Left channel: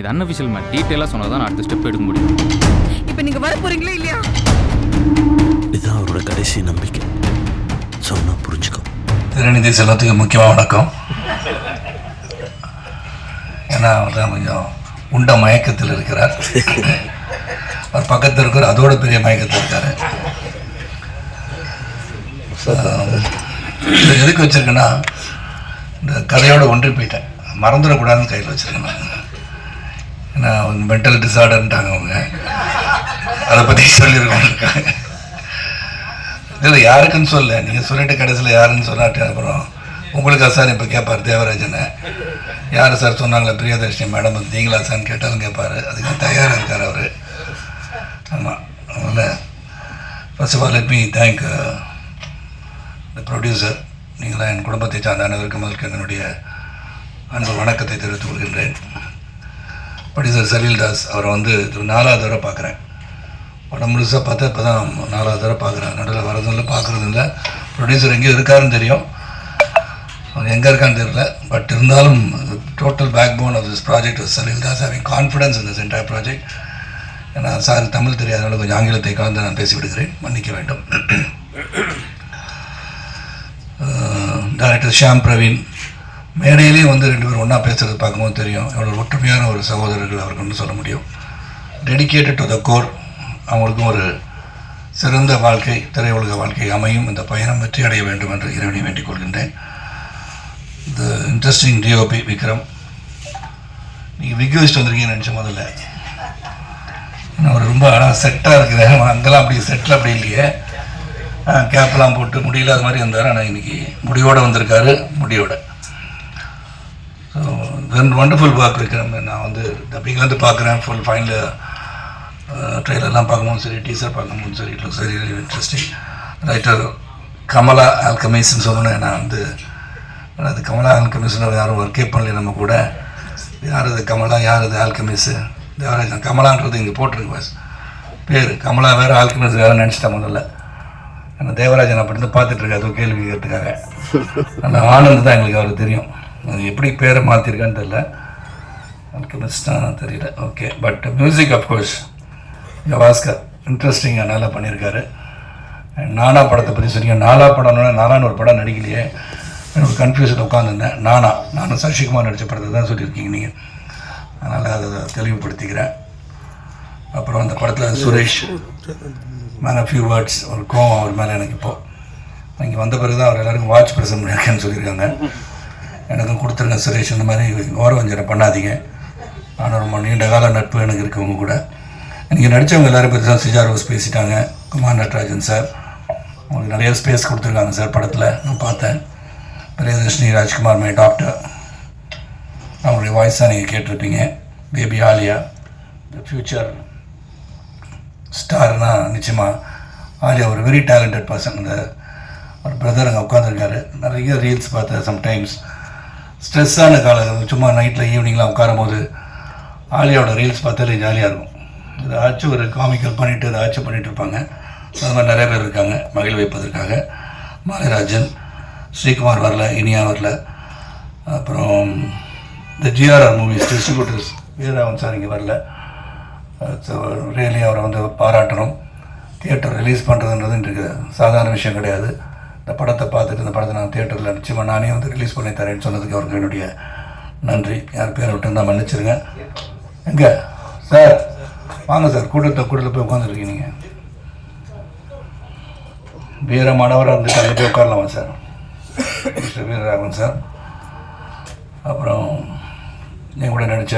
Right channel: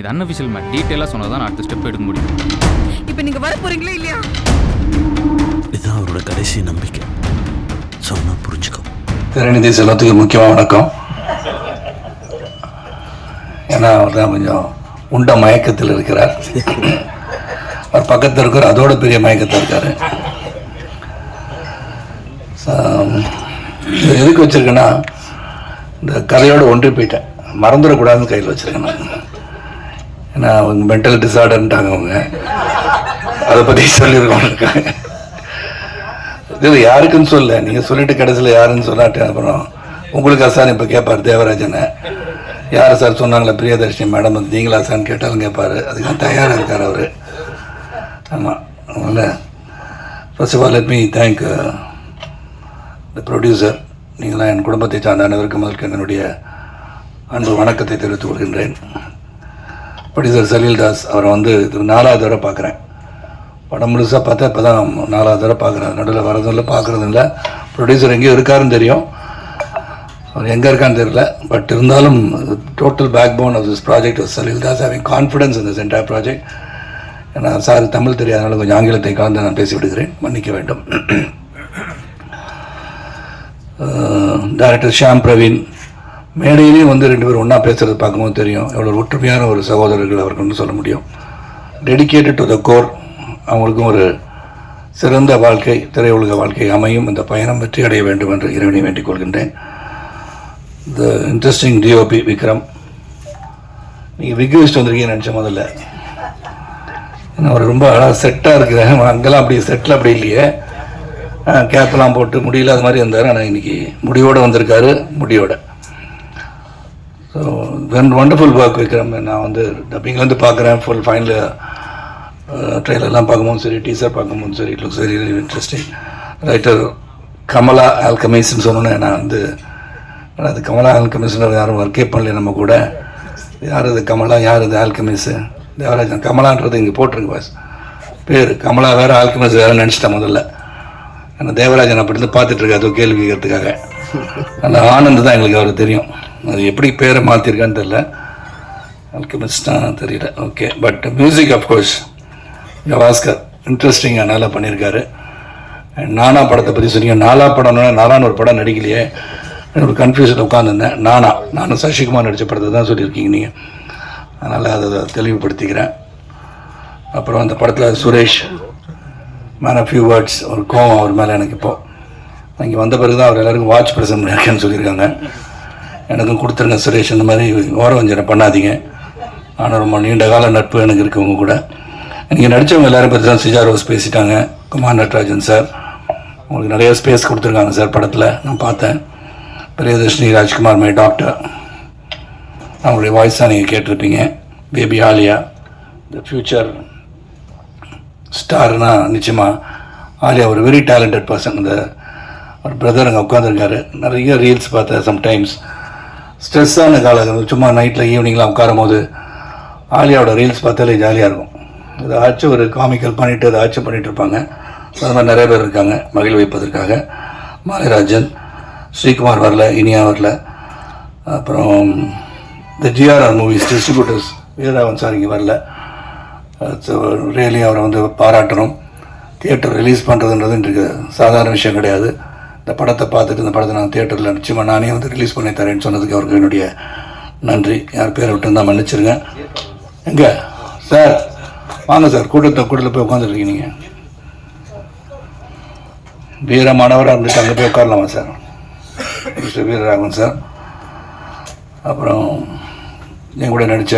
இது unofficial mat டீட்டெயிலாக சொன்னால் தான் நான் அடுத்த ஸ்டெப் எடுக்க முடியும். இப்ப நீங்க வர போறீங்களா இல்லையா? இதுதான் அவரோட கடைசி நம்பிக்கை. சொன்னா புரிஞ்சுக்கோ. திருநிதி செல்வத்துக்கு முக்கியமாக வணக்கம். ஏன்னா அவர் தான் கொஞ்சம் உண்ட மயக்கத்தில் இருக்கிறார். அவர் பக்கத்தில் இருக்கிற அதோட பெரிய மயக்கத்தில் இருக்கார். இது எதுக்கு வச்சுருக்கேன்னா இந்த கதையோட ஒன்றி போயிட்டேன். மறந்துடக்கூடாதுன்னு கையில் வச்சுருக்கேன் நான். ஏன்னா அவங்க மென்டல் டிசார்டர்ன்ட்டாங்க அவங்க. அதை பற்றி சொல்லியிருக்காங்க இது யாருக்குன்னு சொல்ல. நீங்கள் சொல்லிட்டு கடைசியில் யாருன்னு சொல்லாட்டு அப்புறம் உங்களுக்கு சார் இப்போ கேட்பார் தேவராஜனை. யார் சார் சொன்னாங்களே? பிரியதர்ஷினி மேடம் வந்து நீங்களா சார்னு கேட்டாலும் கேட்பார் அதுக்கு தயாராக இருக்கார் அவர். ஆமாம் அதனால் first of all let me thank the producer நீங்களாம் என் குடும்பத்தை சார்ந்த அனைவருக்கும் அதற்கு என்னுடைய அன்பு வணக்கத்தை தெரிவித்துக் கொள்கின்றேன். ப்ரொடியூசர் சலீல் தாஸ் அவரை வந்து இது நாலாவது தடவை பார்க்குறேன். படம் முழுசாக பார்த்தா இப்போ தான் நாலாவது தடவை பார்க்குறேன். நடுவில் வரதில்ல பார்க்குறது இல்லை. ப்ரொடியூசர் எங்கேயோ இருக்காருன்னு தெரியும். அவர் எங்கே இருக்கான்னு தெரியல. பட் இருந்தாலும் total backbone of this project Salil Das having confidence in this entire project ஏன்னா சார் தமிழ் தெரியாதனால கொஞ்சம் ஆங்கிலத்தை கலந்து நான் பேசி விடுகிறேன். மன்னிக்க வேண்டும். டைரக்டர் ஷியாம் பிரவீன் மேடையிலேயும் வந்து ரெண்டு பேரும் ஒன்றா பேசுகிறது பார்க்கும்போது தெரியும். எவ்வளோ ஒற்றுமையான ஒரு சகோதரர்கள் அவர்கள்னு சொல்ல முடியும். டெடிகேட்டட் டு த கோர் அவங்களுக்கும் ஒரு சிறந்த வாழ்க்கை திரையுலக வாழ்க்கை அமையும். இந்த பயணம் வெற்றி அடைய வேண்டும் என்று இறைவனை வேண்டிக் கொள்கின்றேன். The interesting DOP Vikram. நீங்கள் விக் வச்சுட்டு வந்திருக்கீங்கன்னு நினச்ச முதல்ல. நான் ஒரு ரொம்ப அழகாக செட்டாக இருக்கிறேன் அங்கெல்லாம் அப்படி செட்டில் அப்படி இல்லையே. கேப்லாம் போட்டு முடியல அது மாதிரி இருந்தார். ஆனால் இன்னைக்கு முடிவோடு வந்திருக்காரு. முடியோட. So when wonderful work Vikram நான் வந்து டப்பிங்லேருந்து பார்க்குறேன். ஃபுல் ஃபைனல் ட்ரெயிலர்லாம் பார்க்கும்போது சரி டீசர் பார்க்கும்போது சரி it looks very interesting writer Kamala ஆல்கமிஸ்ன்னு சொன்னேன் நான் வந்து அது கமலா ஆல்கமிஸ்னு யாரும் ஒர்க்கே பண்ணல நம்ம கூட. யார் அது கமலா யார் அது ஆல்கமிஸு தேவராஜன் கமலான்றது இங்கே போட்டிருக்கு பாஸ் பேர். கமலா வேறு ஆல்கமிஸ் வேறு நினச்சிட்டேன் முதல்ல. ஆனால் தேவராஜன் அப்படி இருந்து பார்த்துட்டு கேள்வி கேட்கறதுக்காக. அந்த ஆனந்த் தான் எங்களுக்கு அவர் தெரியும். அது எப்படி பேரை மாற்றிருக்கான்னு தெரியல. அல்கமிஸ்டாக தெரியல. Okay but music of course Gavaskar இன்ட்ரெஸ்டிங்காக நல்லா பண்ணியிருக்காரு நானா படத்தை பற்றி சொன்னீங்க. நாலா படம்னா நாலான ஒரு படம் நடிக்கலையே. ஒரு கன்ஃபியூஷன் உட்காந்துருந்தேன் நானா. நானும் சசிகுமார் நடித்த படத்தை தான் சொல்லியிருக்கீங்க நீங்கள் அதனால் அதை தெளிவுபடுத்திக்கிறேன். அப்புறம் அந்த படத்தில் Suresh man of few words ஒரு கோவம் அவர் மேலே எனக்கு இப்போது இங்கே வந்த பிறகு தான் அவர் எல்லாருக்கும் வாட்ச் பிரசன் இருக்கேன்னு சொல்லியிருக்காங்க. எனக்கும் கொடுத்துருங்க சுரேஷ் இந்த மாதிரி ஓரவஞ்சனை பண்ணாதீங்க. ஆனால் ரொம்ப நீண்ட கால நட்பு எனக்கு இருக்கவங்க கூட. நீங்கள் நடித்தவங்க எல்லோரும் பற்றி தான் சிஜா ரோஸ் பேசிட்டாங்க. குமார் நட்ராஜன் சார். உங்களுக்கு நிறைய ஸ்பேஸ் கொடுத்துருக்காங்க சார் படத்தில். நான் பார்த்தேன். பிரியதர்ஷினி ராஜ்குமார் மை டாக்டர் அவங்களுடைய வாய்ஸ் தான் நீங்கள் கேட்டிருப்பீங்க. பேபி ஆலியா. த ஃப்யூச்சர் ஸ்டார்னா நிச்சயமாக ஆலியா ஒரு வெரி டேலண்டட் பர்சன் இந்த ஒரு பிரதர் அங்கே உட்காந்துருக்காரு நிறைய ரீல்ஸ் பார்த்தேன் சம்டைம்ஸ் ஸ்ட்ரெஸ்ஸான காலம் சும்மா நைட்டில் ஈவினிங்லாம் உட்காரும் போது ஆலியாவோட ரீல்ஸ் பார்த்தாலே ஜாலியாக இருக்கும். ஏதாச்சும் ஒரு காமிக்கல் பண்ணிவிட்டு ஏதாச்சும் பண்ணிட்டு இருப்பாங்க. அது மாதிரி நிறைய பேர் இருக்காங்க மகிழ் வைப்பதற்காக. மாலிராஜன் ஸ்ரீகுமார் வரல இனியா வரல. அப்புறம் இந்த GRR movies distributors Veeraravan sir இங்கே வரல. ரியலி அவரை வந்து பாராட்டணும். தியேட்டர் ரிலீஸ் பண்ணுறதுன்றது இன்றைக்கு சாதாரண விஷயம் கிடையாது. இந்த படத்தை பார்த்துட்டு இந்த படத்தை நான் தேட்டரில் நிச்சயமாக நானே வந்து ரிலீஸ் பண்ணி தரேன்னு சொன்னதுக்கு அவருக்கு என்னுடைய நன்றி. யார் பேரை விட்டு தான் மன்னிச்சிருங்க. எங்கே? சார். வாங்க சார். கூட்டத்தை கூட்டத்தில் போய் உட்காந்துருக்கீங்க நீங்கள் வீரமானவராக இருந்துட்டு அங்கே போய் உட்காரலாமா சார்? Mister Veeraraghavan sir. அப்புறம் என் கூட நடித்த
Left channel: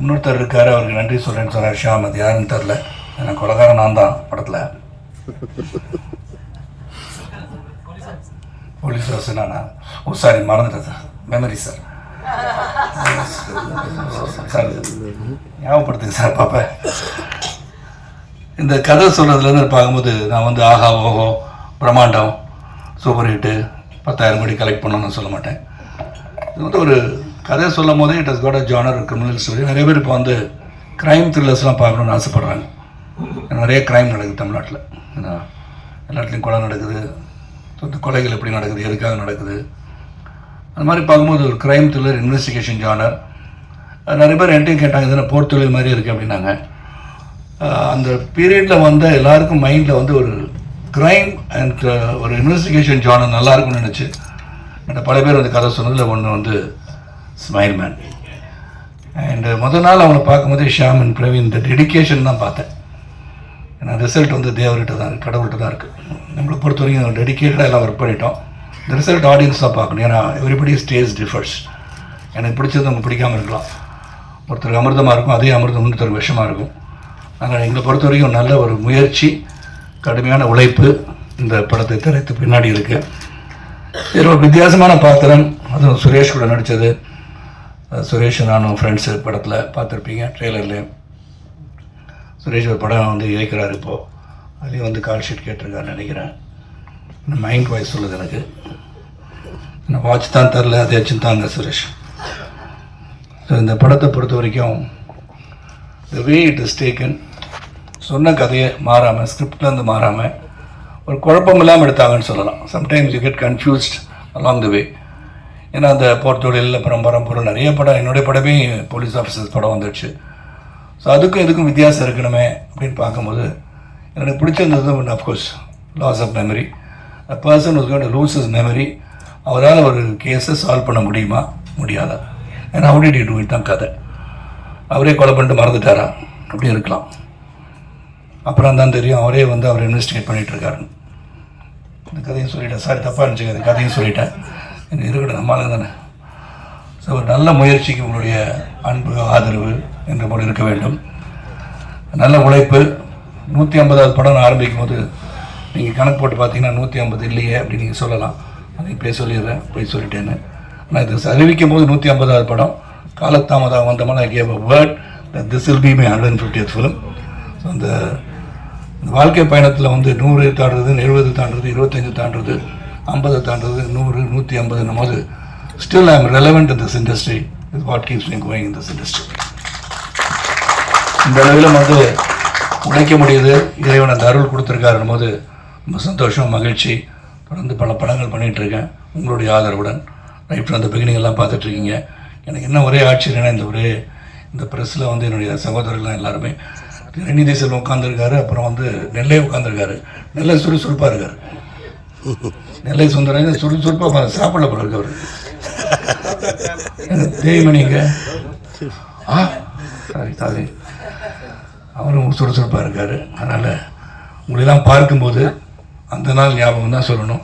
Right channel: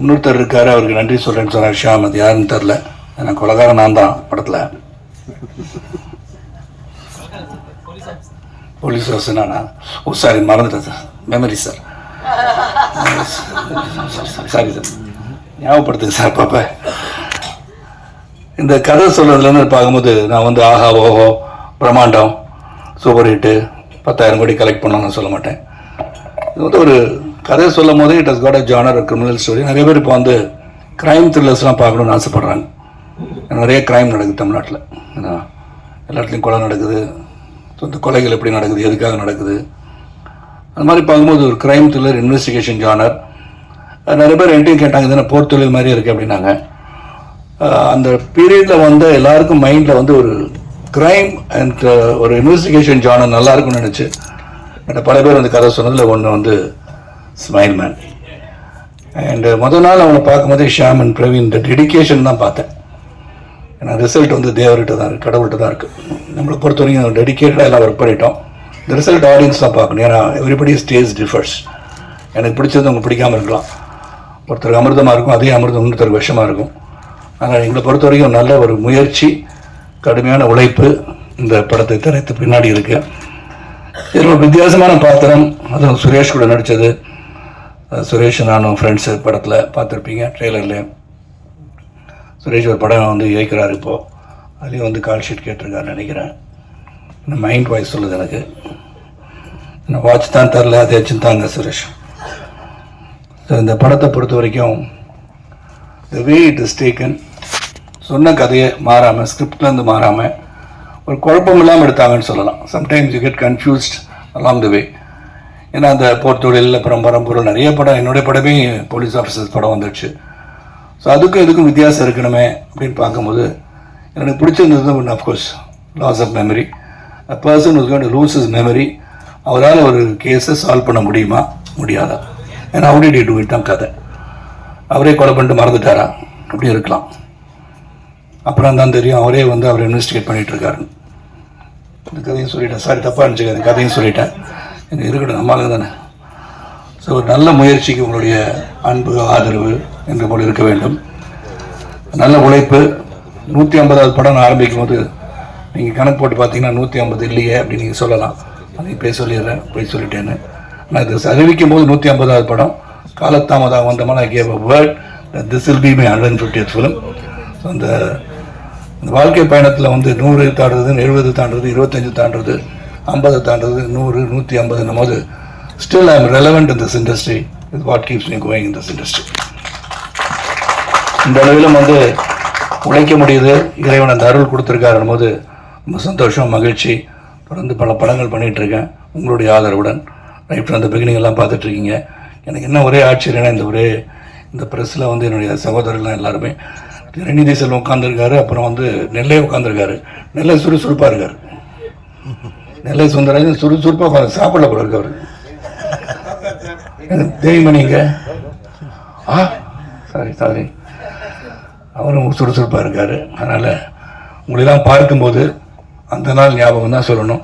இன்னொருத்தர் இருக்கார். அவருக்கு நன்றி சொல்கிறேன்னு சொன்னார். ஷியாம். அது யாருன்னு தெரில எனக்கு கொலகாரன் நான் தான் படத்தில். போலீஸ் ஆஃபீஸர் நானா? ஓ சாரி மறந்துட்டேன் சார். மெமரி சார் சாரி ஞாபகப்படுத்துங்க சார் பாப்ப இந்த கதை சொல்கிறதுலேருந்து பார்க்கும்போது நான் வந்து ஆஹா ஓஹோ பிரம்மாண்டம் சூப்பர் ஹிட்டு பத்தாயிரம் கோடி கலெக்ட் பண்ணணும்னு சொல்ல மாட்டேன். இது வந்து ஒரு கதை சொல்லும் போதே it has got a genre criminal story நிறைய பேர் இப்போ வந்து க்ரைம் த்ரில்லர்ஸ்லாம் பார்க்கணும்னு ஆசைப்பட்றாங்க. நிறைய க்ரைம் நடக்குது தமிழ்நாட்டில். ஏன்னா எல்லா இடத்துலையும் கொலை நடக்குது. இந்த கொலைகள் எப்படி நடக்குது எதுக்காக நடக்குது? அந்த மாதிரி பார்க்கும்போது ஒரு க்ரைம் த்ரில்லர் இன்வெஸ்டிகேஷன் ஜானர் நிறைய பேர் ரெண்டையும் கேட்டாங்க இதுனா போர் தொழில் மாதிரி இருக்குது அப்படின்னாங்க. அந்த பீரியடில் வந்து எல்லாருக்கும் மைண்டில் வந்து ஒரு கிரைம் அண்ட் ஒரு இன்வெஸ்டிகேஷன் ஜானர் நல்லா இருக்கும்னு நினச்சி என்கிட்ட பல பேர் வந்து கதை சொன்னதில் ஒன்று வந்து ஸ்மைல் மேன் அண்டு முதல் நாள் அவனை பார்க்கும்போதே ஷியாம் அண்ட் பிரவீன் இந்த டெடிகேஷன் தான் பார்த்தேன். ஏன்னா ரிசல்ட் வந்து தேவர்கிட்ட தான் இருக்குது கடவுள்கிட்ட தான் இருக்குது நம்மளை பொறுத்த வரைக்கும் டெடிக்கேட்டடாக எல்லாம் ஒர்க் பண்ணிட்டோம். இந்த ரிசல்ட் ஆடியன்ஸ் தான் பார்க்கணும். ஏன்னா எவ்ரிபடி ஸ்டேஜ் டிஃபர்ஸ் எனக்கு பிடிச்சது அவங்க பிடிக்காம இருக்கலாம். ஒருத்தருக்கு அமிர்தமாக இருக்கும் அதே அமிர்தம் இன்னொருத்தருக்கு விஷமாக இருக்கும். ஆனால் எங்களை பொறுத்த வரைக்கும் நல்ல ஒரு முயற்சி கடுமையான உழைப்பு இந்த படத்தை திரைத்து பின்னாடி இருக்கு. இதில் ஒரு வித்தியாசமான பாத்திரம் அதுவும் சுரேஷ் கூட நடித்தது சுரேஷ் நானும் ஃப்ரெண்ட்ஸு படத்தில் பார்த்துருப்பீங்க ட்ரெய்லர்லேயும் சுரேஷ் ஒரு படம் வந்து இயக்கிறார் இப்போது அதுலேயும் வந்து கால் ஷீட் கேட்டிருக்காருன்னு நினைக்கிறேன். மைண்ட் வாய்ஸ் சொல்லுது எனக்கு. இன்னும் வாட்ச் தான் தரல அதை வச்சுருந்தாங்க சுரேஷ். ஸோ இந்த படத்தை பொறுத்த வரைக்கும் வே இட் இஸ் டேக்கன் சொன்ன கதையை மாறாமல் ஸ்கிரிப்ட்லேருந்து மாறாமல் ஒரு குழப்பம் இல்லாமல் எடுத்தாங்கன்னு சொல்லலாம். Sometimes you get confused along the way ஏன்னா அந்த போர்த்தொழில் அப்புறம் பரம்பொருள் நிறைய படம் என்னுடைய படமே போலீஸ் ஆஃபீஸர்ஸ் படம் வந்துடுச்சு. ஸோ அதுக்கும் இதுக்கும் வித்தியாசம் இருக்கணுமே அப்படின்னு பார்க்கும்போது எனக்கு பிடிச்சிருந்தது ஒன்று of course loss of memory a person is going lose is memory அவரால் ஒரு கேஸை சால்வ் பண்ண முடியுமா? முடியாதா? ஏன்னா அப்படி டி டூ தான் கதை. அவரே கொலை பண்ணிட்டு மறந்துட்டாரா? அப்படி இருக்கலாம். அப்புறம் தான் தெரியும் அவரே வந்து அவர் இன்வெஸ்டிகேட் பண்ணிகிட்டு இருக்காருன்னு இந்த கதையும் சொல்லிட்டேன். சாரி தப்பாக இருந்துச்சு அந்த கதையும் சொல்லிட்டேன். எனக்கு இருக்கட்டும் நம்மளால தானே. ஸோ ஒரு நல்ல முயற்சிக்கு உங்களுடைய அன்பு ஆதரவு என்று போல இருக்க வேண்டும். நல்ல உழைப்பு. நூற்றி ஐம்பதாவது படம் ஆரம்பிக்கும் போது நீங்கள் கணக்கு போட்டு பார்த்தீங்கன்னா நூற்றி ஐம்பது இல்லையே அப்படின்னு நீங்கள் சொல்லலாம். அதை பேச சொல்லிடுறேன் போய் சொல்லிட்டேன்னு. ஆனால் இது அறிவிக்கும் போது நூற்றி ஐம்பதாவது படம். காலத்தாமதம் வந்தமான gave a word this will be my hundred and fiftieth film so அந்த இந்த வாழ்க்கை பயணத்தில் வந்து நூறு தாண்டுறது எழுபது தாண்டுறது இருபத்தஞ்சு தாண்டுறது ஐம்பது தாண்டுறது நூறு நூற்றி ஐம்பதுன்னும் போது still I am relevant in this industry இது what keeps me going in this industry இந்த அளவிலும் வந்து உழைக்க முடியுது. இறைவன் அந்த அருள் கொடுத்துருக்காருன்னு போது ரொம்ப சந்தோஷம் மகிழ்ச்சி. தொடர்ந்து பல படங்கள் பண்ணிகிட்டு இருக்கேன் உங்களுடைய ஆதரவுடன். ரைட் அந்த பிகினிங் எல்லாம் பார்த்துட்டு இருக்கீங்க எனக்கு என்ன ஒரே ஆச்சரியம்னா இந்த ஒரே இந்த ப்ரெஸ்ஸில் வந்து என்னுடைய சகோதரர்லாம் எல்லாருமே ரெணிதி செல்வம் உட்காந்துருக்காரு அப்புறம் வந்து நெல்லை உட்காந்துருக்காரு நெல்லை சுறுசுறுப்பாக இருக்கார். நெல்லை சுந்தரராஜன் சுறுசுறுப்பாக உட்காந்து சாப்பிடல போல இருக்கு தேவிமணிங்க ஆ? Sorry sorry. அவரும் சுறுசுறுப்பாக இருக்கார். அதனால் உங்களெல்லாம் பார்க்கும்போது அந்த நாள் ஞாபகம் தான் சொல்லணும்.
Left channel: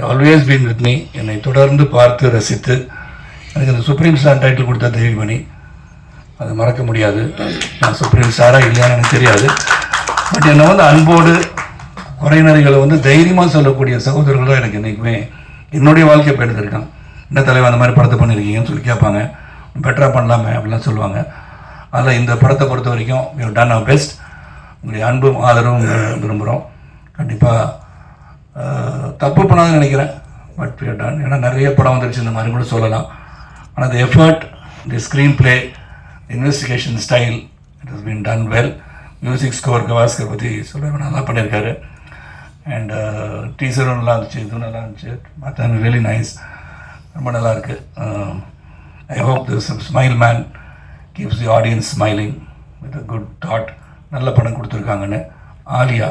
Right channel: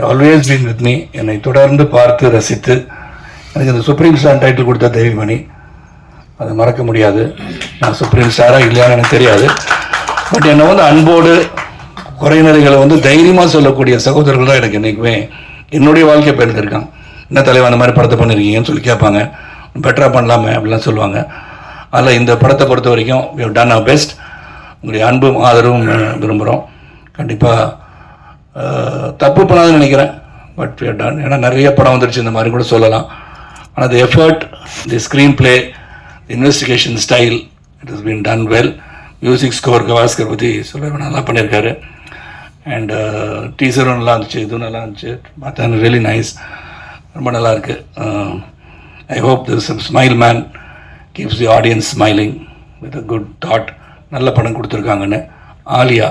ஆல்வேஸ் பீன் வித் மீ என்னை தொடர்ந்து பார்த்து ரசித்து. எனக்கு இந்த சுப்ரீம் ஸ்டார் டைட்டில் கொடுத்த தெய்வமணி அதை மறக்க முடியாது. நான் சுப்ரீம் ஸ்டாராக இல்லையான்னு எனக்கு தெரியாது. பட் என்னை வந்து அன்போடு குறைநிலைகளை வந்து தைரியமாக சொல்லக்கூடிய சகோதரர்கள் தான் எனக்கு என்றைக்குமே என்னுடைய வாழ்க்கை பிறந்திருக்கான் என்ன தலைவன் அந்த மாதிரி படத்தை பண்ணியிருக்கீங்கன்னு சொல்லி கேட்பாங்க. பெட்டராக பண்ணலாமே அப்படிலாம் சொல்லுவாங்க. அதில் இந்த படத்தை பொறுத்த வரைக்கும் வி டன் அ பெஸ்ட் உங்களுடைய அன்பும் ஆதரவும் விரும்புகிறோம் கண்டிப்பாக தப்பு பண்ணாதுன்னு நினைக்கிறேன். பட் வி டன் ஏன்னா நிறைய படம் வந்துருச்சு இந்த மாதிரி கூட சொல்லலாம். ஆனால் the effort the screenplay investigation style it is been done well music score Gavaskar பற்றி சொல்ல நல்லா பண்ணியிருக்காரு. அண்ட் டீசரும் நல்லா இருந்துச்சு இதுவும் நல்லா இருந்துச்சு. பார்த்தா வெரி நைஸ் ரொம்ப நல்லாயிருக்கு I hope this smile man keeps the audience smiling with a good thought நல்ல படம் கொடுத்துருக்காங்கன்னு. ஆலியா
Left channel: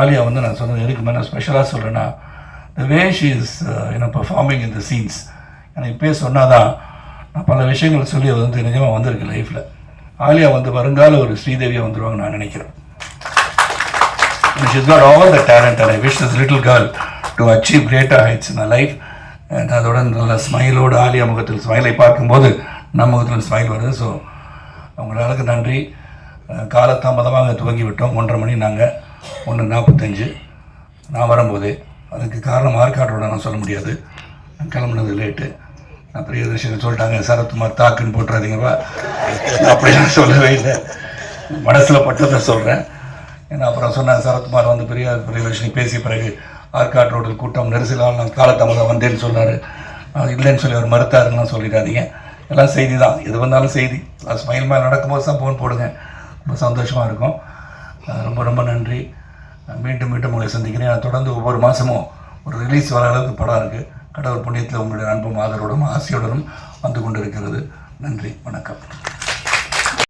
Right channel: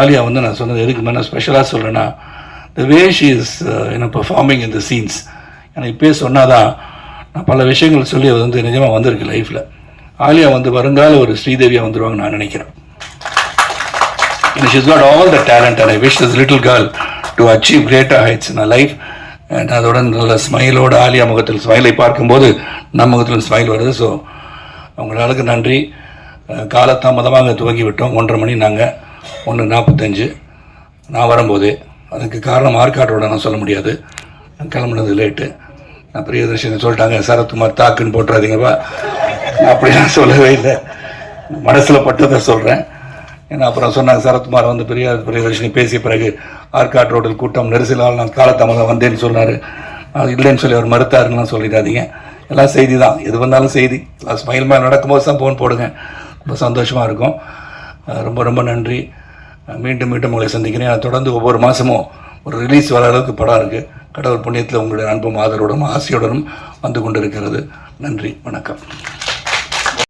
ஆலியா வந்து நான் சொன்னது எதுக்கு மேலே ஸ்பெஷலாக சொல்கிறேன்னா த வே ஷி இஸ் என்ன பர்ஃபார்மிங் இன் த சீன்ஸ் எனக்கு இப்போயே சொன்னாதான் நான் பல விஷயங்கள் சொல்லி அது வந்து நிஜமாக வந்திருக்கு லைஃப்பில் ஆலியா வந்து வருங்கால ஒரு ஸ்ரீதேவியாக வந்துடுவாங்க நான் நினைக்கிறேன். And she's got all the talent and I wish this little girl to achieve greater heights in her life. அதோட நல்ல ஸ்மைலோட ஆலியா முகத்தில் ஸ்மைலை பார்க்கும்போது நம்ம முகத்தில் ஸ்மைல் வருது. ஸோ அவங்களுக்கு நன்றி. அஹ் காலதாமதமாக துவங்கி விட்டோம் ஒன்றரை மணி நாங்கள் ஒன்று நாற்பத்தஞ்சு. நான் வரும்போது அதுக்கு காரணம் ஆற்காட்டோட நான் சொல்ல முடியாது. கிளம்புனது லேட்டு நான் பிரியதர்ஷினி சொல்லிட்டாங்க சரத்குமார் தாக்குன்னு போட்டுறாதீங்கப்பா. அப்படின்னு அப்படிலாம் சொல்லவே இல்லை. மனசில் பட்டதை சொல்கிறேன் ஏன்னா அப்புறம் சொன்னாங்க சரத்குமார் வந்து பெரிய பிரியதர்ஷினி பேசிய பிறகு ஆற்காட் ரோட்டில் கூட்டம் நெரிசலால் நான் காலத்தாமதம் வந்தேன்னு சொன்னார். அது இல்லைன்னு சொல்லி அவர் மறுத்தாருன்னு சொல்லிடாதீங்க. எல்லாம் செய்தி தான் எது வந்தாலும் செய்தி. ஸ்மைல் மேன் நடக்கும்போது தான் ஃபோன் போடுங்க. ரொம்ப சந்தோஷமாக இருக்கும். ரொம்ப ரொம்ப நன்றி. மீண்டும் மீண்டும் உங்களை சந்திக்கிறேன். நான் தொடர்ந்து ஒவ்வொரு மாதமும் ஒரு ரிலீஸ் வர அளவுக்கு படம் இருக்குது கடவுள் புண்ணியத்தில் உங்களுடைய அன்பும் ஆதரவுடனும் ஆசையுடனும் வந்து கொண்டிருக்கிறது. நன்றி. வணக்கம்.